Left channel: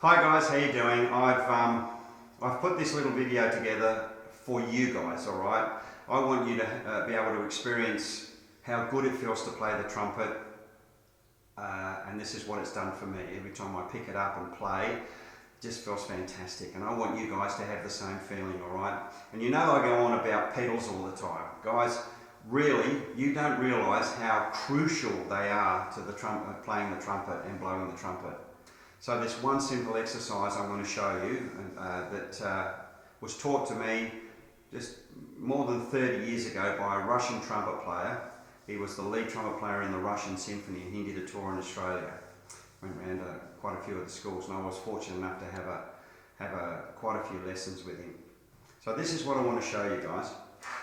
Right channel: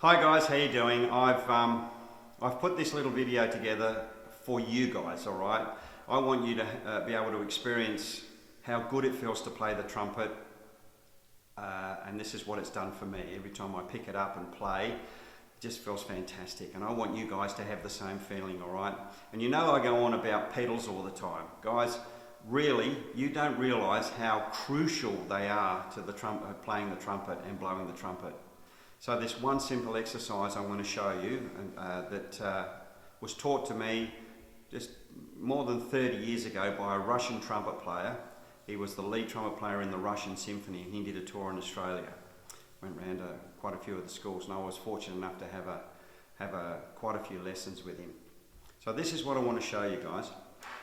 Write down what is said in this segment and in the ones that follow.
Hi guys, how you doing? I've put this little video together for you guys, all right? I want you to be able to experience how good it feels to play the trumpet, and this is what it's done for me. Every time I pick it up and play, it just feels fantastic, and I want you guys to have the same feeling, all right? And you know I go on about pedals all the time. Guys, really, you don't realise how crucial they are to the trumpet, playing the trumpet and blowing the trumpet. So this one simple exercise I'm going to show you that was taught to me just more than 30 years ago by a Russian trumpet player. He was the lead trumpet player in the Russian Symphony, and he did a tour in Australia. Went around quite a few of the schools, and I was fortunate enough to have quite a few lessons with him. So this is what I want to show you guys,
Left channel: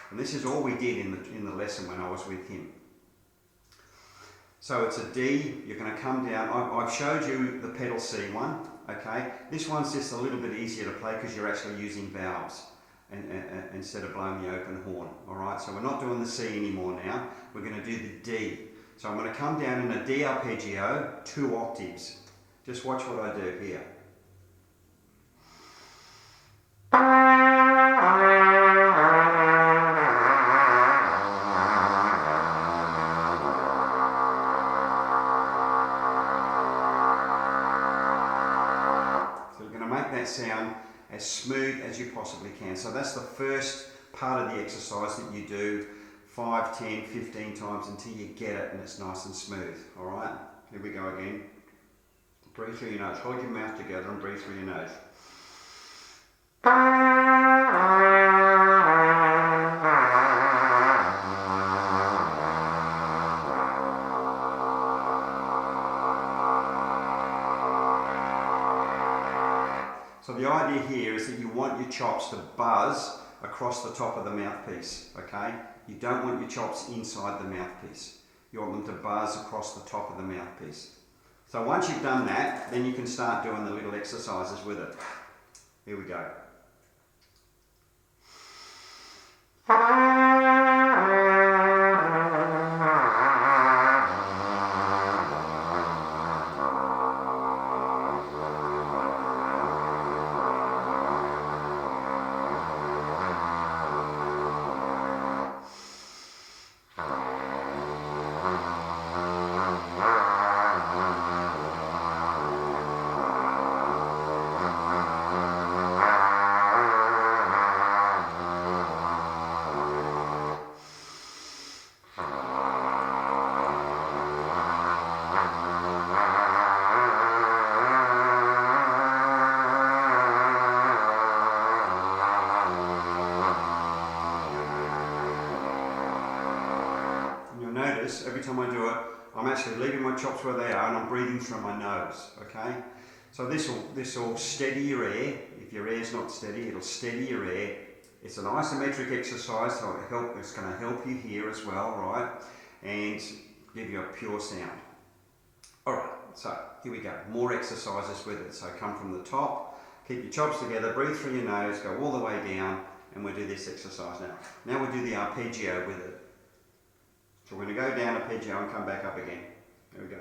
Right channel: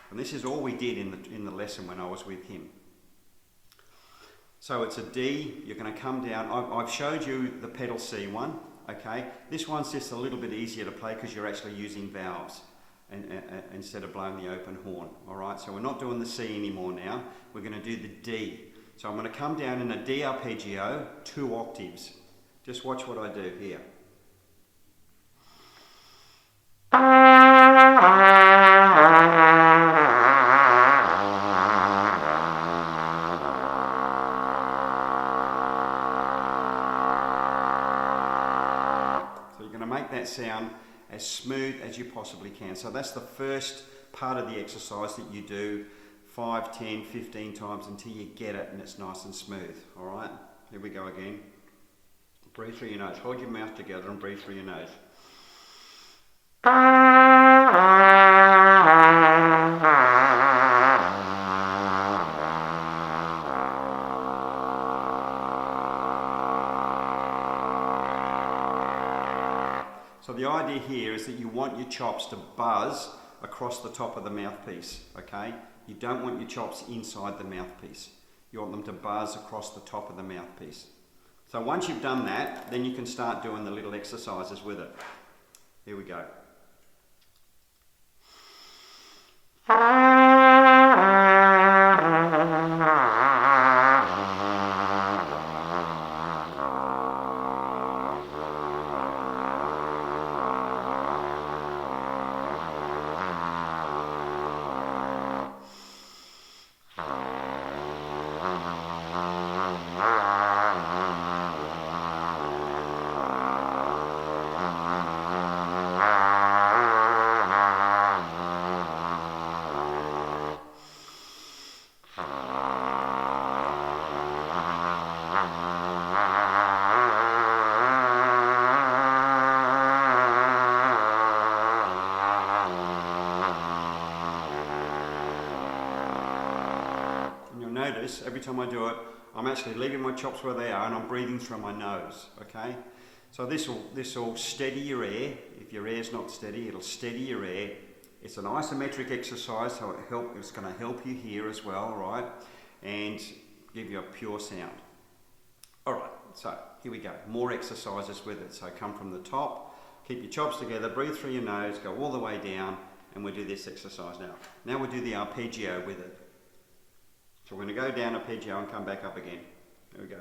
and this is all we did in the lesson when I was with him. So it's a D, you're going to come down. I've showed you the pedal C one, okay? This one's just a little bit easier to play because you're actually using valves instead of blowing the open horn, all right? So we're not doing the C anymore now, we're going to do the D. So I'm going to come down in a D arpeggio, 2 octaves. Just watch what I do here. That sound as smooth as you possibly can. So that's the first part of the exercise that you do 5, 10, 15 times until you get it and it's nice and smooth. Alright, here we go again. Breathe through your nose. Hold your mouth together and breathe through your nose. So the idea here is that you want your chops to buzz across the top of the mouthpiece, okay? You don't want your chops inside the mouthpiece. You want them to buzz across the top of the mouthpiece. So once you've done that, then you can start doing the little exercises with it. Here we go. Notice every time I do it, I'm actually leaving my chops where they are and I'm breathing through my nose, okay? So this will steady your air. If your air's not steady, it'll steady your air. It's an isometric exercise, so it's going to help you hear as well, right? And give you a pure sound. Alright, so here we go. More exercises with it. So come from the top, keep your chops together, breathe through your nose, go all the way down, and we'll do this exercise now. Now we'll do the arpeggio with it. So we're going to go down arpeggio and come back up again. There we go.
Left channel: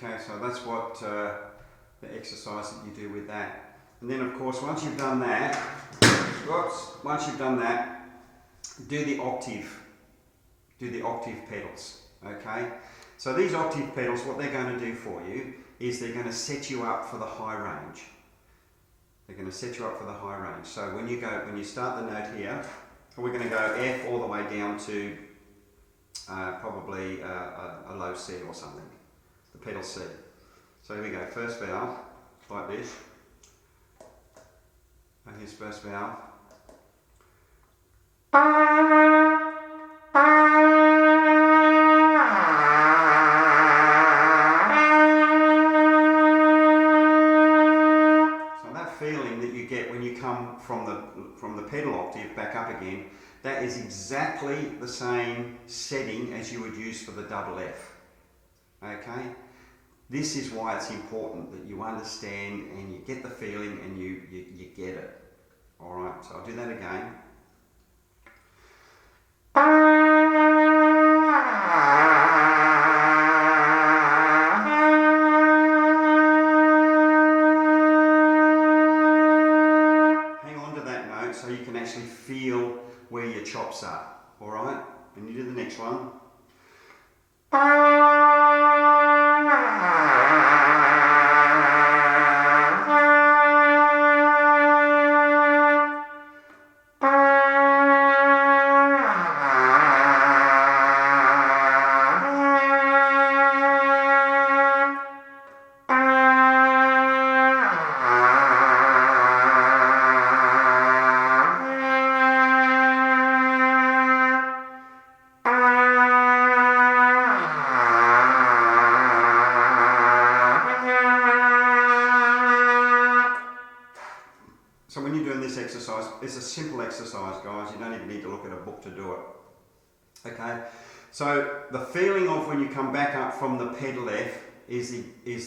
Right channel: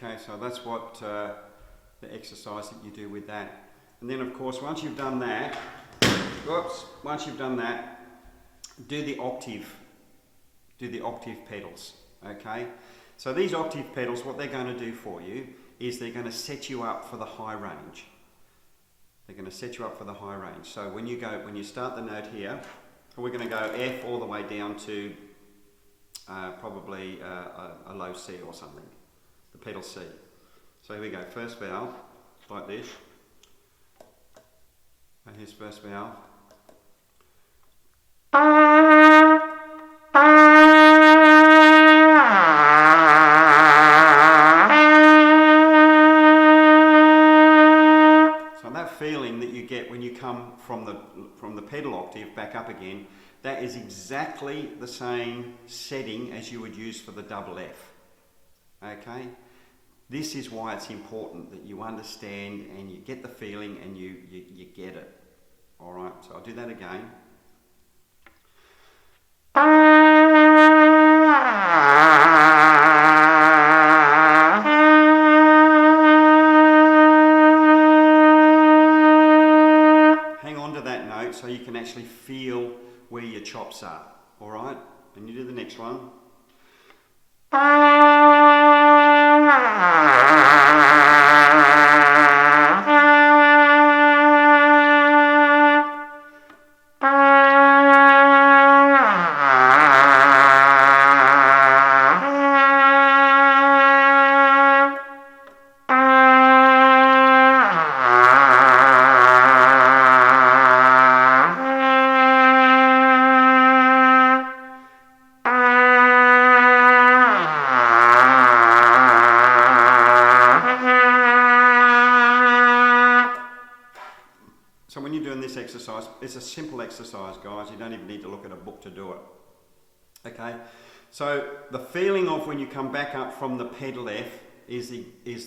Okay, so that's what the exercise that you do with that. And then of course, once you've done that, do the octave pedals, okay? So these octave pedals, what they're going to do for you is they're going to set you up for the high range. They're going to set you up for the high range. So when you start the note here, we're going to go F all the way down to probably a low C or something, the pedal C. So here we go, first valve, like this. And here's first valve. So that feeling that you get when you come from the pedal octave back up again, that is exactly the same setting as you would use for the double F. Okay? This is why it's important that you understand and you get the feeling and you get it. Alright, so I'll do that again. Hang on to that note so you can actually feel where your chops are. Alright, and you do the next one. So when you're doing this exercise, it's a simple exercise, guys. You don't even need to look at a book to do it. Okay? So the feeling of when you come back up from the pedal F is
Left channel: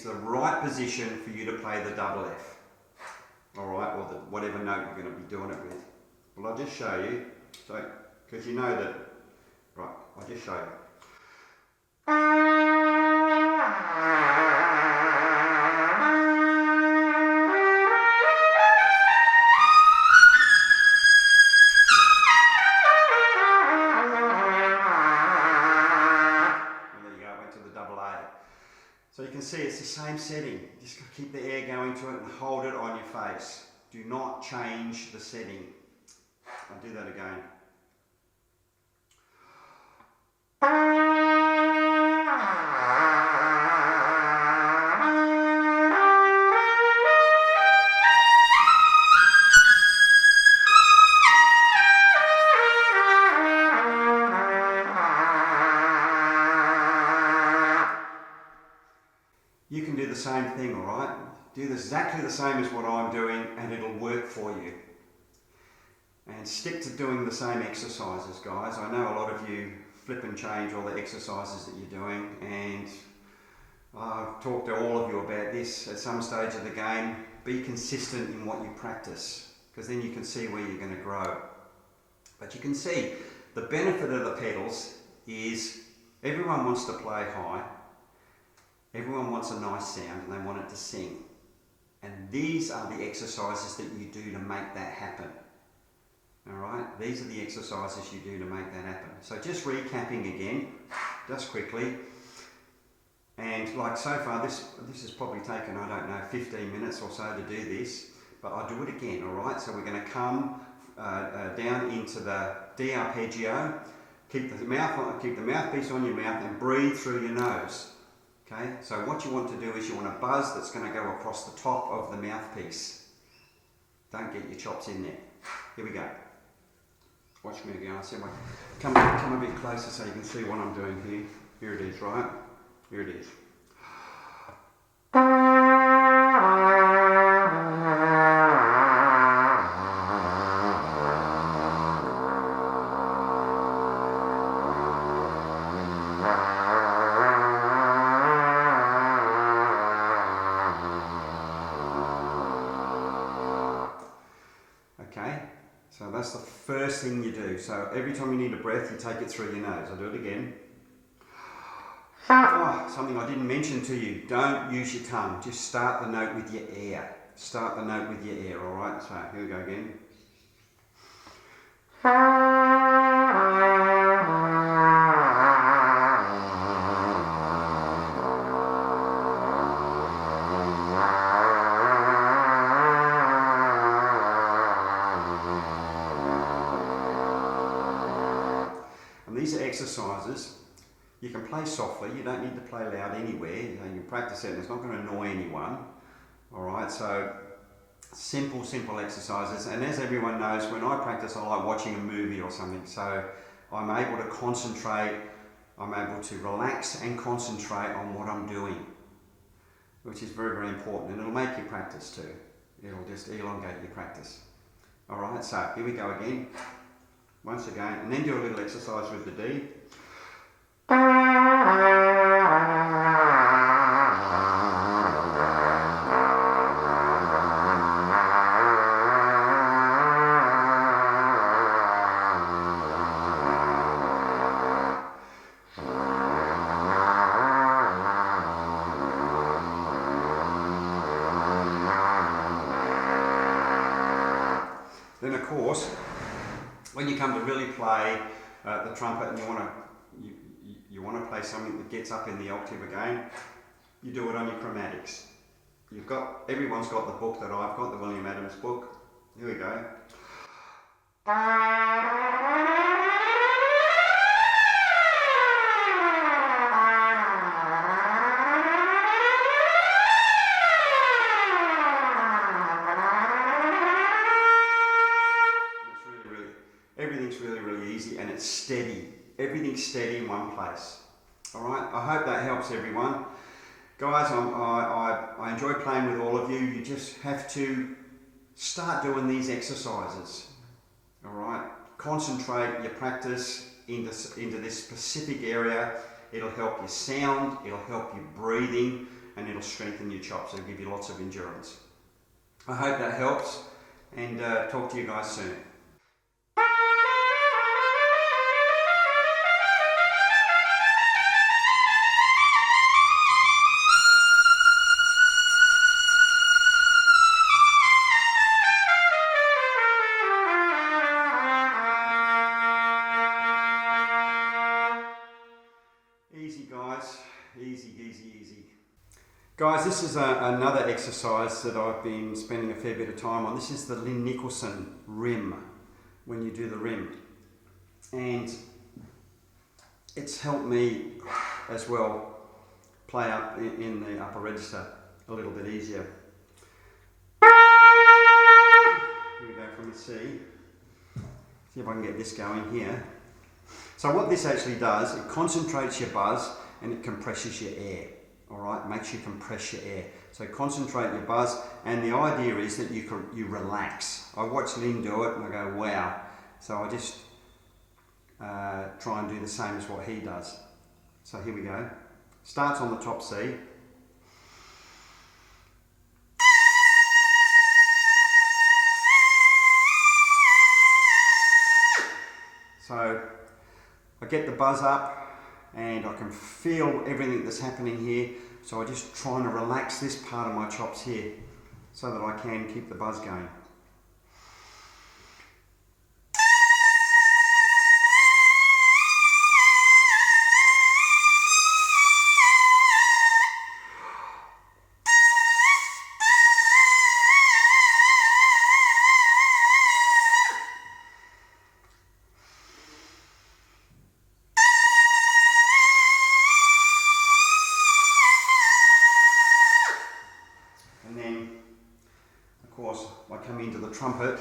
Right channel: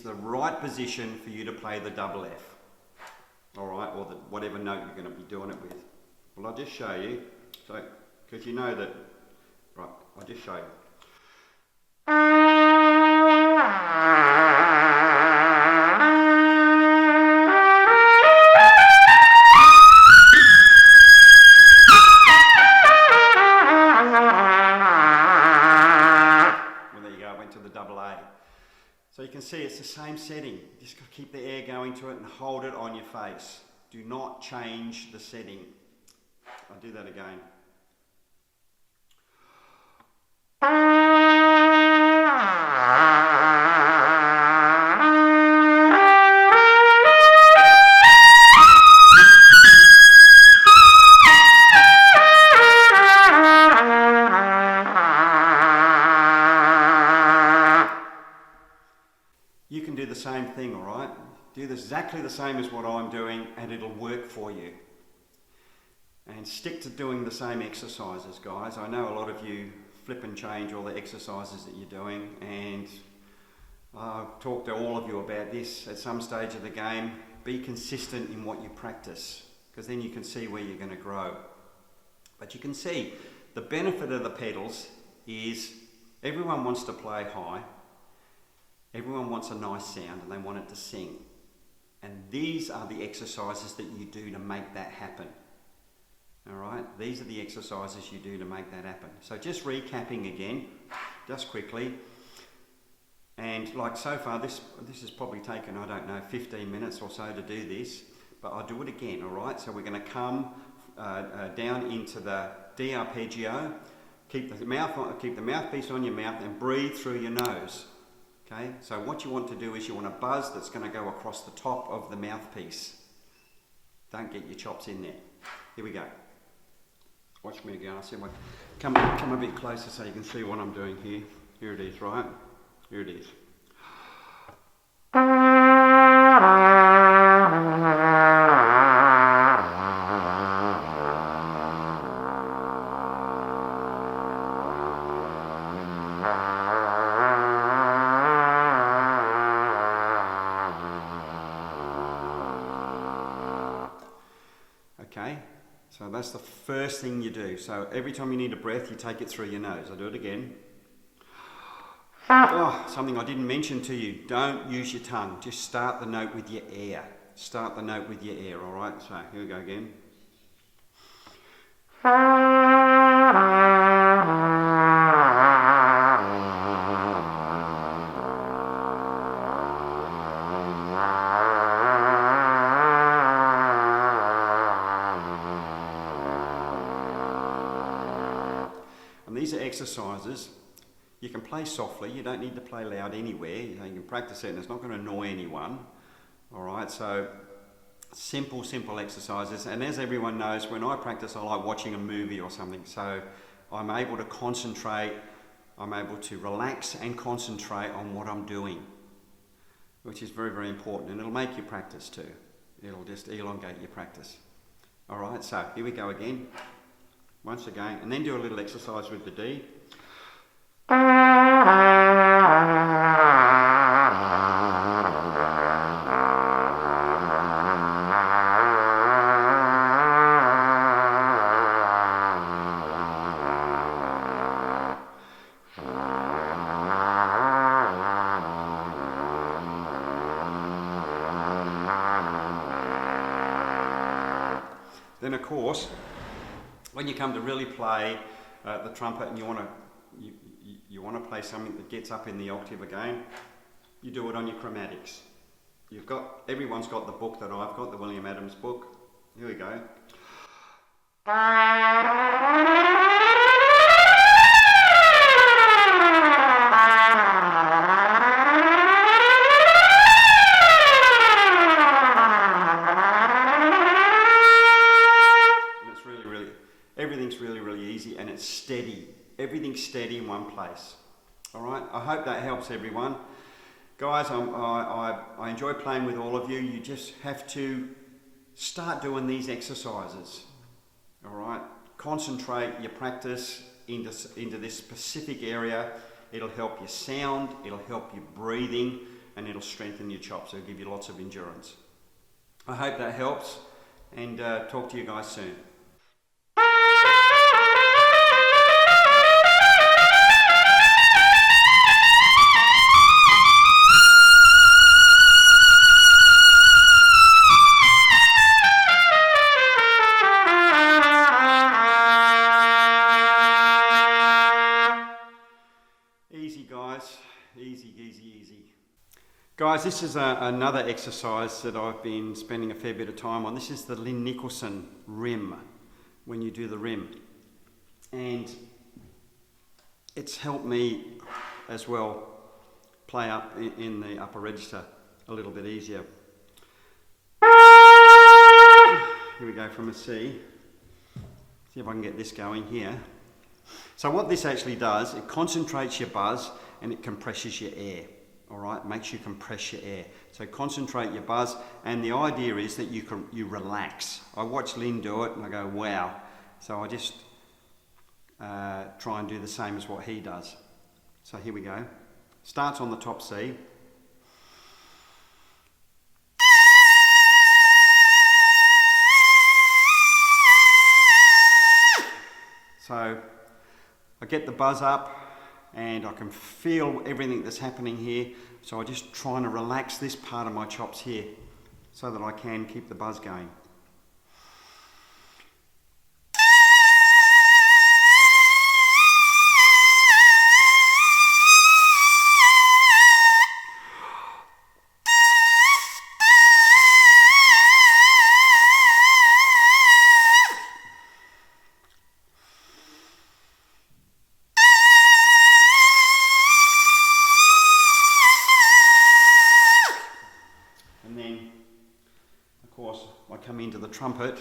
the right position for you to play the double F. Alright, or whatever note you're going to be doing it with. Well, I'll just show you. So, because you know that, right, I'll just show you. So you can see it's the same setting. You just got to keep the air going to it and hold it on your face. Do not change the setting. I'll do that again. You can do the same thing, alright? Do exactly the same as what I'm doing and it'll work for you. And stick to doing the same exercises, guys. I know a lot of you flip and change all the exercises that you're doing, and I've talked to all of you about this at some stage of the game. Be consistent in what you practice, because then you can see where you're going to grow. But you can see the benefit of the pedals is everyone wants to play high. Everyone wants a nice sound and they want it to sing. And these are the exercises that you do to make that happen. Alright, these are the exercises you do to make that happen. So just recapping again, just quickly. And like so far, this has probably taken, I don't know, 15 minutes or so to do this. But I'll do it again, alright? So we're going to come down into the D arpeggio. Keep the mouthpiece on your mouth and breathe through your nose. Okay, so what you want to do is you want a buzz that's going to go across the top of the mouthpiece. Don't get your chops in there. Here we go. Watch me again. Come a bit closer so you can see what I'm doing here. Here it is, right? Here it is. Okay, so that's the first thing you do. So every time you need a breath, you take it through your nose. I'll do it again. Oh, something I didn't mention to you. Don't use your tongue. Just start the note with your air. Start the note with your air, all right? So here we go again. exercises, you can play softly, you don't need to play loud anywhere, you can practice it and it's not going to annoy anyone. Alright, so simple exercises, and as everyone knows, when I practice I like watching a movie or something, so I'm able to concentrate, I'm able to relax and concentrate on what I'm doing, which is very important, and it'll make you practice too. It'll just elongate your practice. Alright, so here we go again, once again, and then do a little exercise with the D. Then of course, when you come to really play the trumpet and you want to play something that gets up in the octave again, you do it on your chromatics. Everyone's got the book that I've got, the William Adams book. Here we go. Everything's really easy and it's steady. Everything's steady in one place. Alright, I hope that helps everyone. Guys, I enjoy playing with all of you. You just have to start doing these exercises. Alright, concentrate your practice into this specific area. It'll help your sound, it'll help your breathing, and it'll strengthen your chops. It'll give you lots of endurance. I hope that helps, and talk to you guys soon. Easy guys, easy. Guys, this is another exercise that I've been spending a fair bit of time on. This is the Lynn Nicholson rim, when you do the rim. And it's helped me as well play up in the upper register a little bit easier. Here we go from a C. See if I can get this going here. So what this actually does, it concentrates your buzz and it compresses your air. Alright, makes you compress your air. So concentrate your buzz, and the idea is that you relax. I watch Lynn do it and I go, wow. So I just try and do the same as what he does. So here we go. Starts on the top C. So I get the buzz up and I can feel everything that's happening here. So I just trying to relax this part of my chops here so that I can keep the buzz going. I come into the trumpet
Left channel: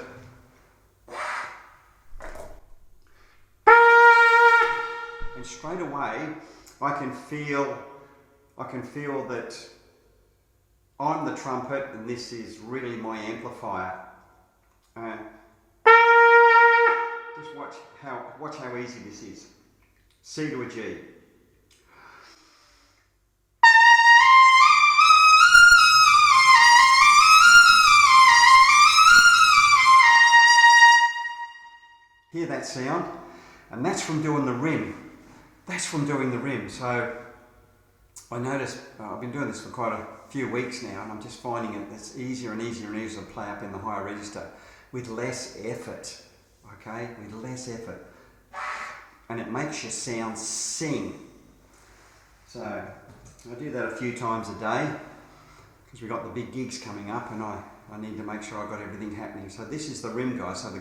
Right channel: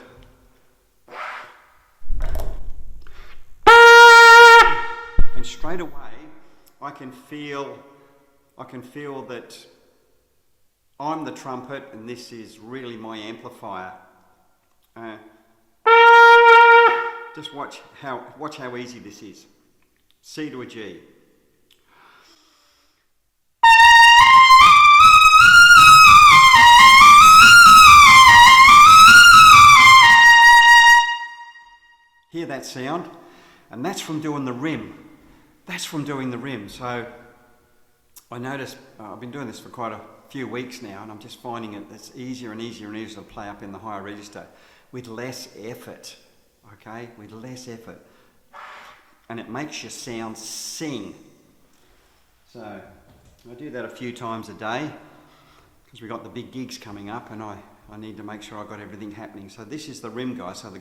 and straight away I can feel that I'm the trumpet and this is really my amplifier. Just watch how easy this is. C to a G. Hear that sound? And that's from doing the rim. That's from doing the rim. So I noticed, I've been doing this for quite a few weeks now, and I'm just finding it's easier and easier to play up in the higher register with less effort, okay? With less effort. And it makes your sound sing. So I do that a few times a day because we've got the big gigs coming up, and I need to make sure I've got everything happening. So this is the rim, guys. So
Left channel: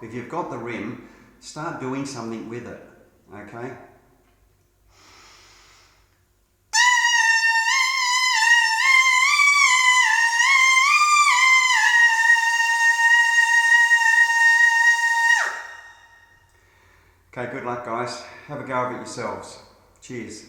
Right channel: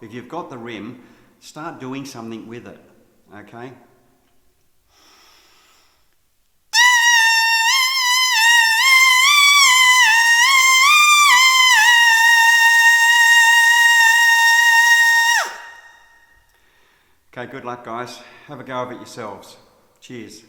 if you've got the rim, start doing something with it, okay? Okay, good luck guys. Have a go of it yourselves. Cheers.